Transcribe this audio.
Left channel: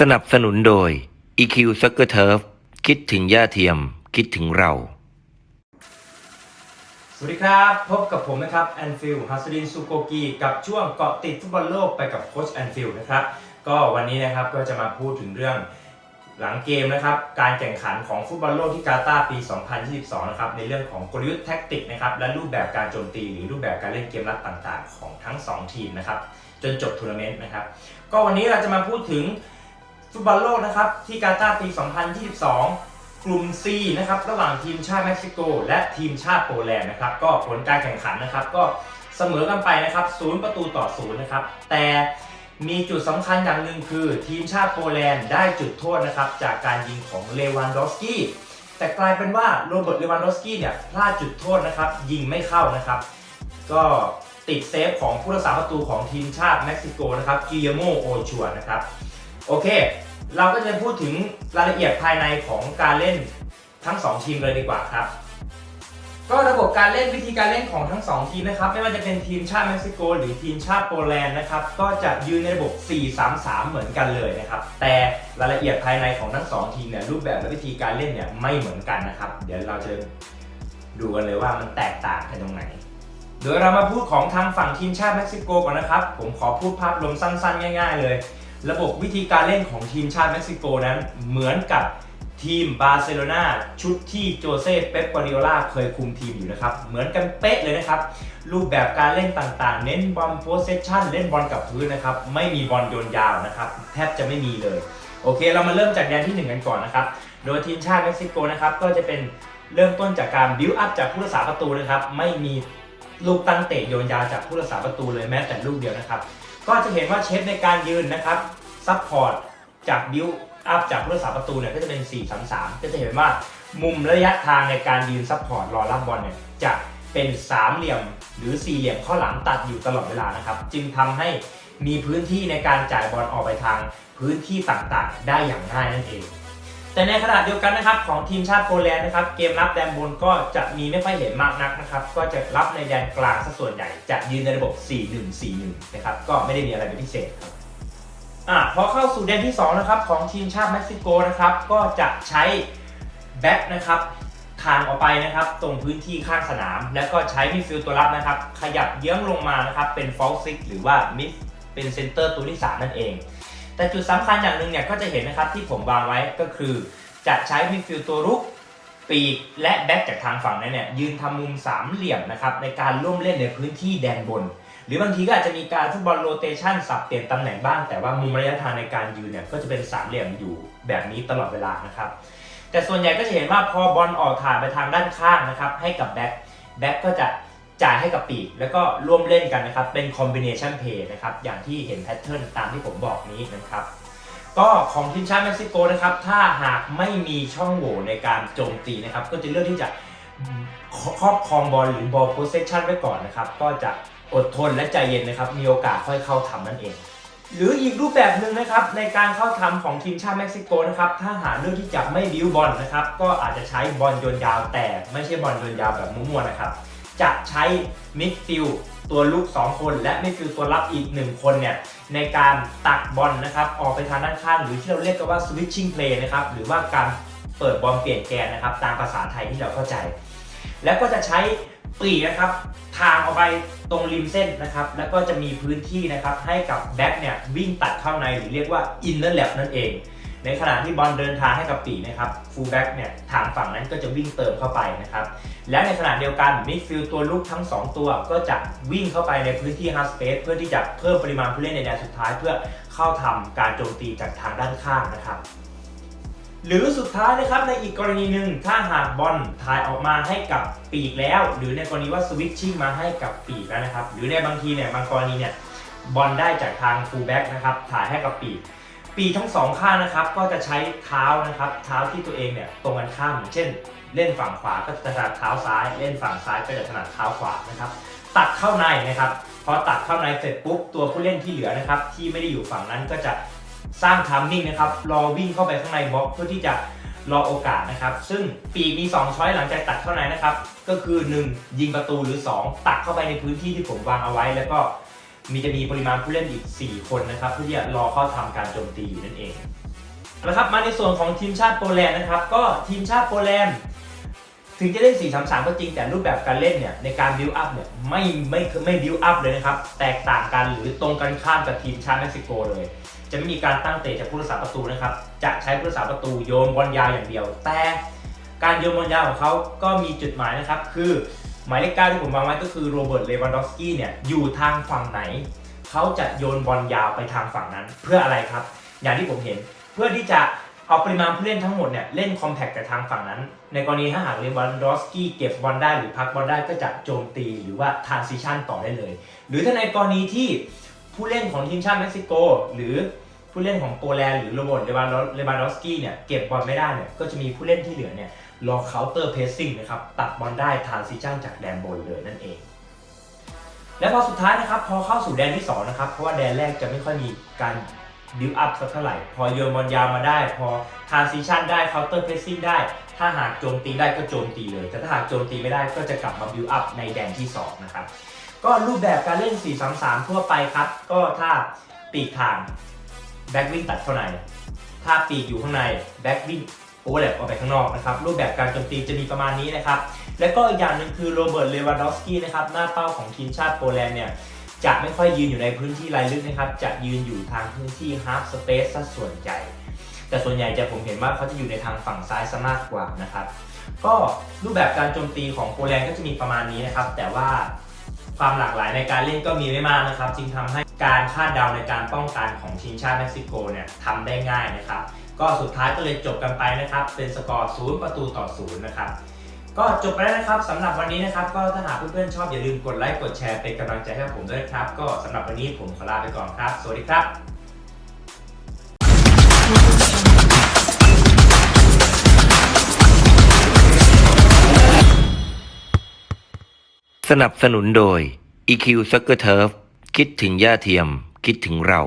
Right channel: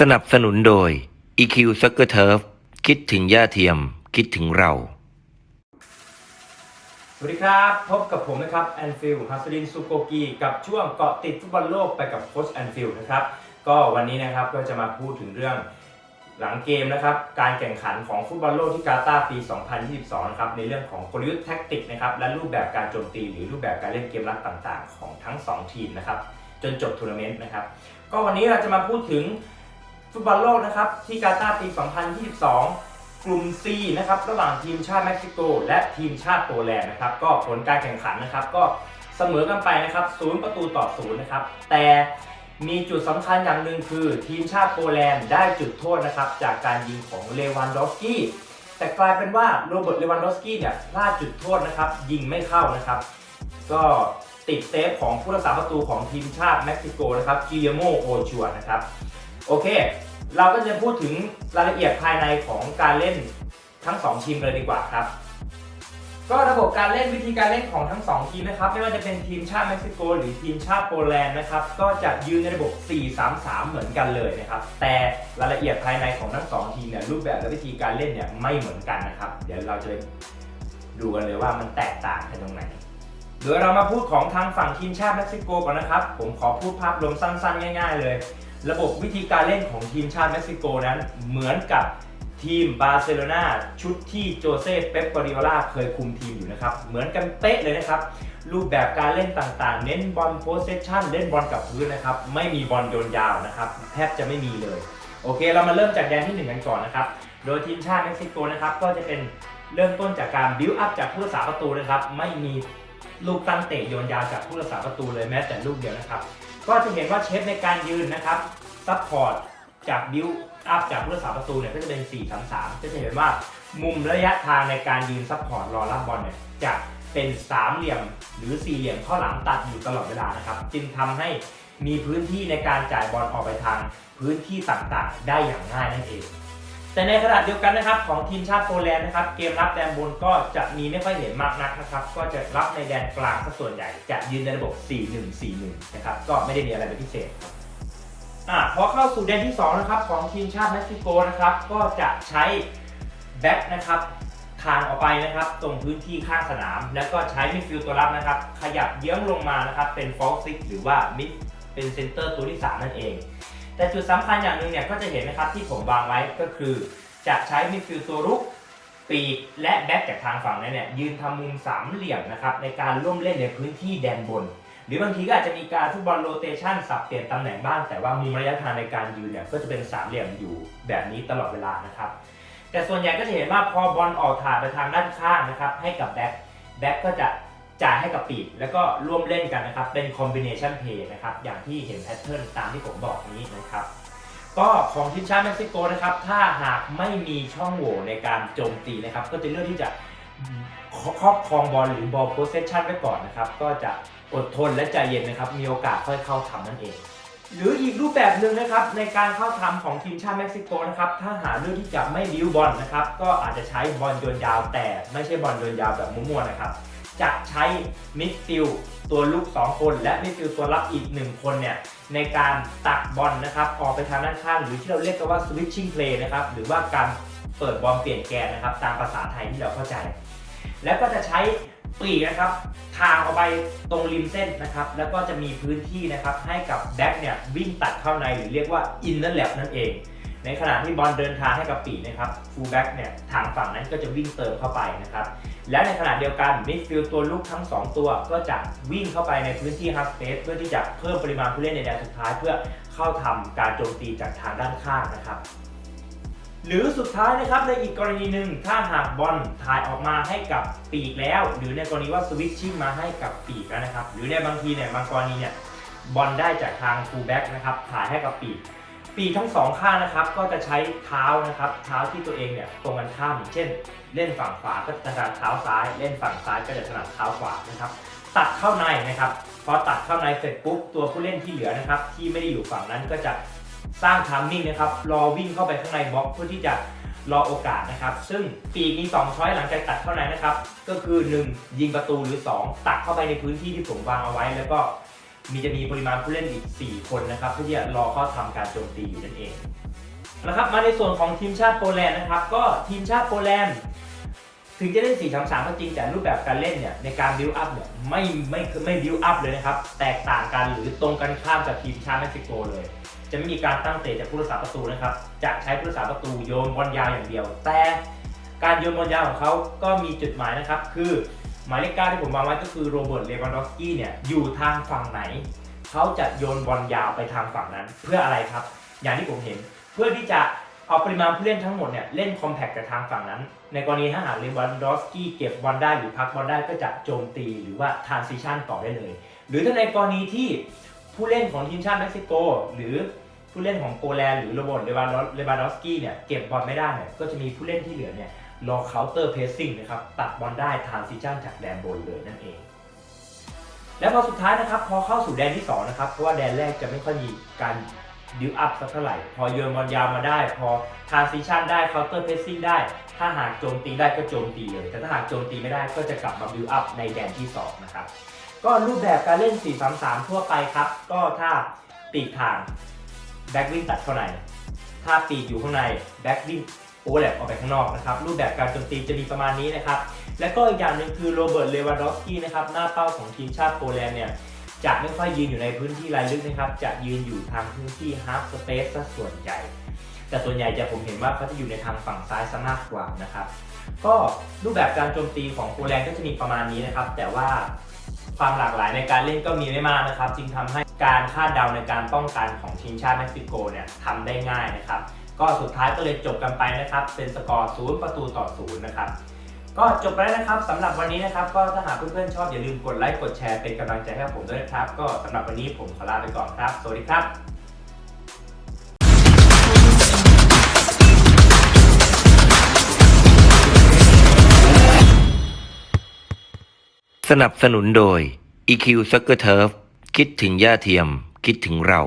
สนับสนุนโดย EQ s u c k e r Turf คิดถึงย่าเทียม คิดถึงเรา สวัสดีครับ พบกับผมนะครับแอนฟิลฮัสดินซูโกกีกับช่วงเกาะติดฟุตบอลโลกไปกับโค้ชแอนฟิลนะครับ ก็วันนี้นะครับก็จะมาพูดถึงเรื่อง หลังเกมนะครับการแข่งขันของฟุตบอลโลกที่กาตาร์ปี 2022 นะครับในเรื่องของกลยุทธ์แท็กติกนะครับและรูปแบบการโจมตีหรือรูปแบบการเล่นเกมรับต่างๆ ของทั้ง 2 ทีมนะครับจนจบทัวร์นาเมนต์นะครับก็วันนี้เราจะมาพูดถึงฟุตบอลโลกนะครับที่กาตาร์ปี 2022 กลุ่ม C นะครับระหว่างทีมชาติเม็กซิโก และทีมชาติโปแลนด์นะครับก็ผลการแข่งขันนะครับก็เสมอกันไปนะครับศูนย์ประตูต่อศูนย์นะครับแต่ มีจุดสำคัญอย่างหนึ่งคือทีมชาติโปแลนด์ได้จุดโทษนะครับ จากการยิงของเลวานดอฟสกี้แต่กลายเป็นว่าโรเบิร์ตเลวานดอฟสกี้เนี่ยพลาดจุดโทษนะครับ ยิงไม่เข้านะครับ ก็ติดเซฟของผู้รักษาประตูของทีมชาติเม็กซิโกนะครับกิเยโมโอชัวนะครับ โอเค เราก็จะพูดถึงรายละเอียดภายในของการเล่นทั้ง 2 ทีมเลยดีกว่าครับ ก็ระบบการเล่นวิธีการเล่นของทั้ง 2 ทีมนะครับ ไม่ว่าจะเป็นทีมชาติเม็กซิโก หรือทีมชาติโปแลนด์นะครับ ก็จะยืนในระบบ 4-3-3 เหมือนกันเลยนะครับ แต่รายละเอียดภายในของทั้ง 2 ทีมเนี่ยรูปแบบและวิธีการเล่นเนี่ยไม่เหมือนกันนะครับ เดี๋ยวเราจะดูกันเลยว่ามันแตกต่างกันตรงไหนโดยเรามาพูดของทางฝั่งทีมชาติเม็กซิโกก่อนนะครับ ผมขอพูดภาพรวมสั้นๆ ง่าย ๆ เลย ระบบวิธีการเล่นของทีมชาติเม็กซิโกนั้นเหมือนกับ ทีมบาร์เซโลนาชุดที่โจเซ่เป๊ปกวาริโอลาเคยคุมทีมอยู่นะครับ เหมือนกันเป๊ะเลยนะครับ รูปแบบการเล่นต่างๆ เน้นบอลโพสเซชันเล่นบอลกับพื้นนะครับ ไม่มีบอลโยนยาวนะครับ แทบจะไม่มีเลย โอเค เรามาเริ่มจากแดนที่หนึ่งกันก่อนนะครับ โดยทีมชาติเม็กซิโกนะครับ ก็จะเป็นเริ่มต้นจากการบิวอัพจากผู้รักษาประตูนะครับ ไม่มีลูกตั้งเตะโยนยาวจากผู้รักษาประตูเลยแม้แต่ลูกเดียวนะครับ ก็จะเห็นว่าเชฟในการยืนนะครับซัพพอร์ตจากบิว อัพจากผู้รักษาประตูเนี่ยก็จะเป็น 4-3-3 ก็จะเห็นว่ามุมระยะทางในการยืนซัพพอร์ตรอรับบอลเนี่ยจะเป็นสามเหลี่ยมหรือสี่เหลี่ยมข้อหลังตัดอยู่ตลอดเวลานะครับ จึงทำให้มีพื้นที่ในการจ่ายบอลออกไปทางพื้นที่ต่างๆ ได้อย่างง่ายนั่นเอง แต่ในขณะเดียวกันนะครับของทีมชาติโปแลนด์นะครับเกมรับแดนบนก็จะมีไม่ค่อยเห็นมากนักนะครับ ก็จะรับในแดนกลางซะส่วนใหญ่จะยืนในระบบ 4-1-4-1 นะครับก็ไม่ได้มีอะไรเป็นพิเศษ อะพอเข้าสู่แดนที่2นะครับของทีมชาติเม็กซิโกนะครับก็จะใช้แบ็คนะครับทางออกไปนะครับตรงพื้นที่ข้างสนาม แล้วก็ใช้มิดฟิลด์ตัวรับนะครับ ขยับเยื้องลงมานะครับเป็นฟอลซิกหรือว่ามิดเป็นเซนเตอร์ตัวที่สามนั่นเอง แต่จุดสำคัญอย่างหนึ่งเนี่ยก็จะเห็นนะครับที่ผมวางไว้ก็คือ จะใช้มิดฟิลด์ตัวรุกปีกและแบ็กจากทางฝั่งนั้นเนี่ยยืนทำมุมสามเหลี่ยมนะครับในการร่วมเล่นในพื้นที่แดนบน หรือบางทีก็อาจจะมีการฟุตบอลโรเตชันสับเปลี่ยนตำแหน่งบ้าง แต่ว่ามุมระยะทางในการยืนเนี่ยก็จะเป็นสามเหลี่ยมอยู่แบบนี้ตลอดเวลานะครับ แต่ส่วนใหญ่ก็จะเห็นว่าพอบอลออกถ่ายไปทางด้านข้างนะครับให้กับแบ็กแบ็กก็จะจ่ายให้กับปีกแล้วก็ร่วมเล่นกันนะครับ เป็นคอมบิเนชันเพย์นะครับอย่างที่เห็นแพทเทิร์นตามที่ผมบอกนี้นะครับก็ของทีมชาติเม็กซิโกนะครับถ้าหากไม่มีช่องโหว่ในการโจมตีนะครับ ก็จะเลือกที่จะ ครอบครองบอลหรือบอลโพสเซชันไว้ก่อนนะครับ ก็จะอดทนและใจเย็นนะครับ มีโอกาสค่อยเข้าทำนั่นเอง หรืออีกรูปแบบหนึ่งนะครับในการเข้าทำของทีมชาติเม็กซิโกนะครับ ถ้าหาเลือกที่จะไม่บิ้วบอลนะครับ ก็อาจจะใช้บอลโยนยาวแต่ไม่ใช่บอลโยนยาวแบบมั่วๆนะครับ จะใช้มิดฟิลตัวลุก 2 คนและมิดฟิลตัวรับอีก 1 คนเนี่ยในการตักบอลนะครับ ออกไปทางด้านข้าง หรือที่เราเรียกกันว่า switching play นะครับ หรือว่าการ เปิดบอลเปลี่ยนแกนนะครับ ตามภาษาไทยที่เราเข้าใจ แล้วก็จะใช้ปีกนะครับทางออกไปตรงริมเส้นนะครับ แล้วก็จะมีพื้นที่นะครับให้กับแบ็กเนี่ยวิ่งตัดเข้าในหรือเรียกว่า inner lap นั่นเอง ในขณะที่บอลเดินทางให้กับปีกนะครับฟูลแบ็กเนี่ยทางฝั่งนั้นก็จะวิ่งเติมเข้าไปนะครับและในขณะเดียวกันมิดฟิลด์ตัวลุกทั้ง 2 ตัวก็จะวิ่งเข้าไปในพื้นที่ฮาร์สเปซเพื่อที่จะเพิ่มปริมาณผู้เล่นในแดนสุดท้าย เพื่อเข้าทำการโจมตีจากทางด้านข้างนะครับ หรือสุดท้ายนะครับในอีกกรณีหนึ่งถ้าหากบอลถ่ายออกมาให้กับปีกแล้ว หรือในกรณีว่าสวิตชิ่งมาให้กับปีกแล้วนะครับ หรือในบางทีเนี่ยบางกรณีเนี่ยบอลได้จากทางฟูลแบ็กนะครับถ่ายให้กับปีก ปีกทั้งสองข้างนะครับก็จะใช้เท้านะครับเท้าที่ตัวเองเนี่ยตรงกันข้ามเช่น เล่นฝั่งขวาก็จะถนัดเท้าซ้าย เล่นฝั่งซ้ายก็จะถนัดเท้าขวานะครับตัดเข้าในนะครับพอตัดเข้าในเสร็จปุ๊บตัวผู้เล่นที่เหลือนะครับที่ไม่ได้อยู่ฝั่งนั้นก็จะ สร้างทัมมิ่งนะครับรอวิ่งเข้าไปข้างในบล็อกเพื่อที่จะรอโอกาสนะครับ ซึ่งปีกมี 2 ช้อยหลังจากตัดเข้าในนะครับ ก็คือ 1 ยิงประตูหรือ 2 ตัดเข้าไปในพื้นที่ที่ผมวางเอาไว้ แล้วก็มีจะมีปริมาณผู้เล่นอีก 4 คนนะครับเพื่อที่จะรอเข้าทำการโจมตีอยู่นั่นเองนะครับมาในส่วนของทีมชาติโปแลนด์นะครับ ก็ทีมชาติโปแลนด์ถึงจะเล่น4 3 3ก็จริงแต่รูปแบบการเล่นเนี่ยในการบิวอัพเนี่ยไม่ไม่ไม่บิวอัพเลยนะครับ แตกต่างกันหรือตรงกันข้ามจากทีมชาติเม็กซิโกเลย จะไม่มีการตั้งเตะจากผู้รักษาประตูนะครับ จะใช้ผู้รักษาประตูโยนบอลยาวอย่างเดียว แต่การโยนบอลยาวของเขาก็มีจุดหมายนะครับ คือหมายเลขเก้าที่ผมวางไว้ก็คือโรเบิร์ตเลวันดอฟสกี้เนี่ยอยู่ทางฝั่งไหน เขาจะโยนบอลยาวไปทางฝั่งนั้น เพื่ออะไรครับ อย่างที่ผมเห็นเพื่อที่จะเอาปริมาณผู้เล่นทั้งหมดเนี่ยเล่นคอมแพคกับทางฝั่งนั้น ในกรณีถ้าหากเลวันดอฟสกี้เก็บบอลได้หรือพักบอลได้ก็จะโจมตีหรือว่าทรานซิชันต่อได้เลย หรือถ้าในกรณีที่ผู้เล่นของทีมชาติเม็กซิโก หรือ ผู้เล่นของโปแลนด์หรือโรบิร์ตเลวันเลวานดอสกี้เนี่ยเก็บบอลไม่ได้เนี่ยก็จะมีผู้เล่นที่เหลือเนี่ยรอเคาน์เตอร์เพสซิ่งนะครับตัดบอลได้ทานซิชั่นจากแดนบนเลยนั่นเอง แล้วพอสุดท้ายนะครับพอเข้าสู่แดนที่2นะครับเพราะว่าแดนแรกจะไม่ค่อยมีการบิวอัพสักเท่าไหร่ พอโยนบอลยาวมาได้ พอทานซิชั่นได้เคาน์เตอร์เพสซิ่งได้ ถ้าหากโจมตีได้ก็โจมตีเลย แต่ถ้าหากโจมตีไม่ได้ก็จะกลับมาบิวอัพในแดนที่ 2 นะครับ ก็รูปแบบการเล่น 4-3-3 ทั่วไปครับ ก็ถ้าปีกทาง แบ็กวิ่งตัดเข้าใน ถ้าปีกอยู่ข้างในแบ็กวิ่งโอเวอร์แลปออกไปข้างนอกนะครับรูปแบบการโจมตีจะมีประมาณนี้นะครับและก็อีกอย่างหนึ่งคือโรเบิร์ตเลวานดอฟสกี้นะครับหน้าเป้าของทีมชาติโปแลนด์เนี่ยจะไม่ค่อยยืนอยู่ในพื้นที่รายลึกนะครับ จะยืนอยู่ทางพื้นที่ฮาร์ฟสเปซซะส่วนใหญ่ แต่ส่วนใหญ่จะผมเห็นว่าเขาจะอยู่ในทางฝั่งซ้ายซะมากกว่านะครับ ก็รูปแบบการโจมตีของโปแลนด์ก็จะมีประมาณนี้นะครับ แต่ว่า ความหลากหลายในการเล่นก็มีไม่มากนะครับ จึงทำให้การคาดเดาในการป้องกันของทีมชาติเม็กซิโกเนี่ยทำได้ง่ายนะครับ ก็สุดท้ายก็เลยจบกันไปนะครับ เป็นสกอร์ศูนย์ประตูต่อศูนย์นะครับก็จบไปแล้วนะครับสำหรับวันนี้นะครับ ก็ถ้าหากเพื่อนๆชอบอย่าลืมกดไลค์กดแชร์เป็นกำลังใจให้กับผมด้วยนะครับ ก็สำหรับวันนี้ผมขอลาไปก่อนครับ สวัสดีครับ สนับสนุนโดย EQ Soccer Turf คิดถึงย่าเทียม คิดถึงเรา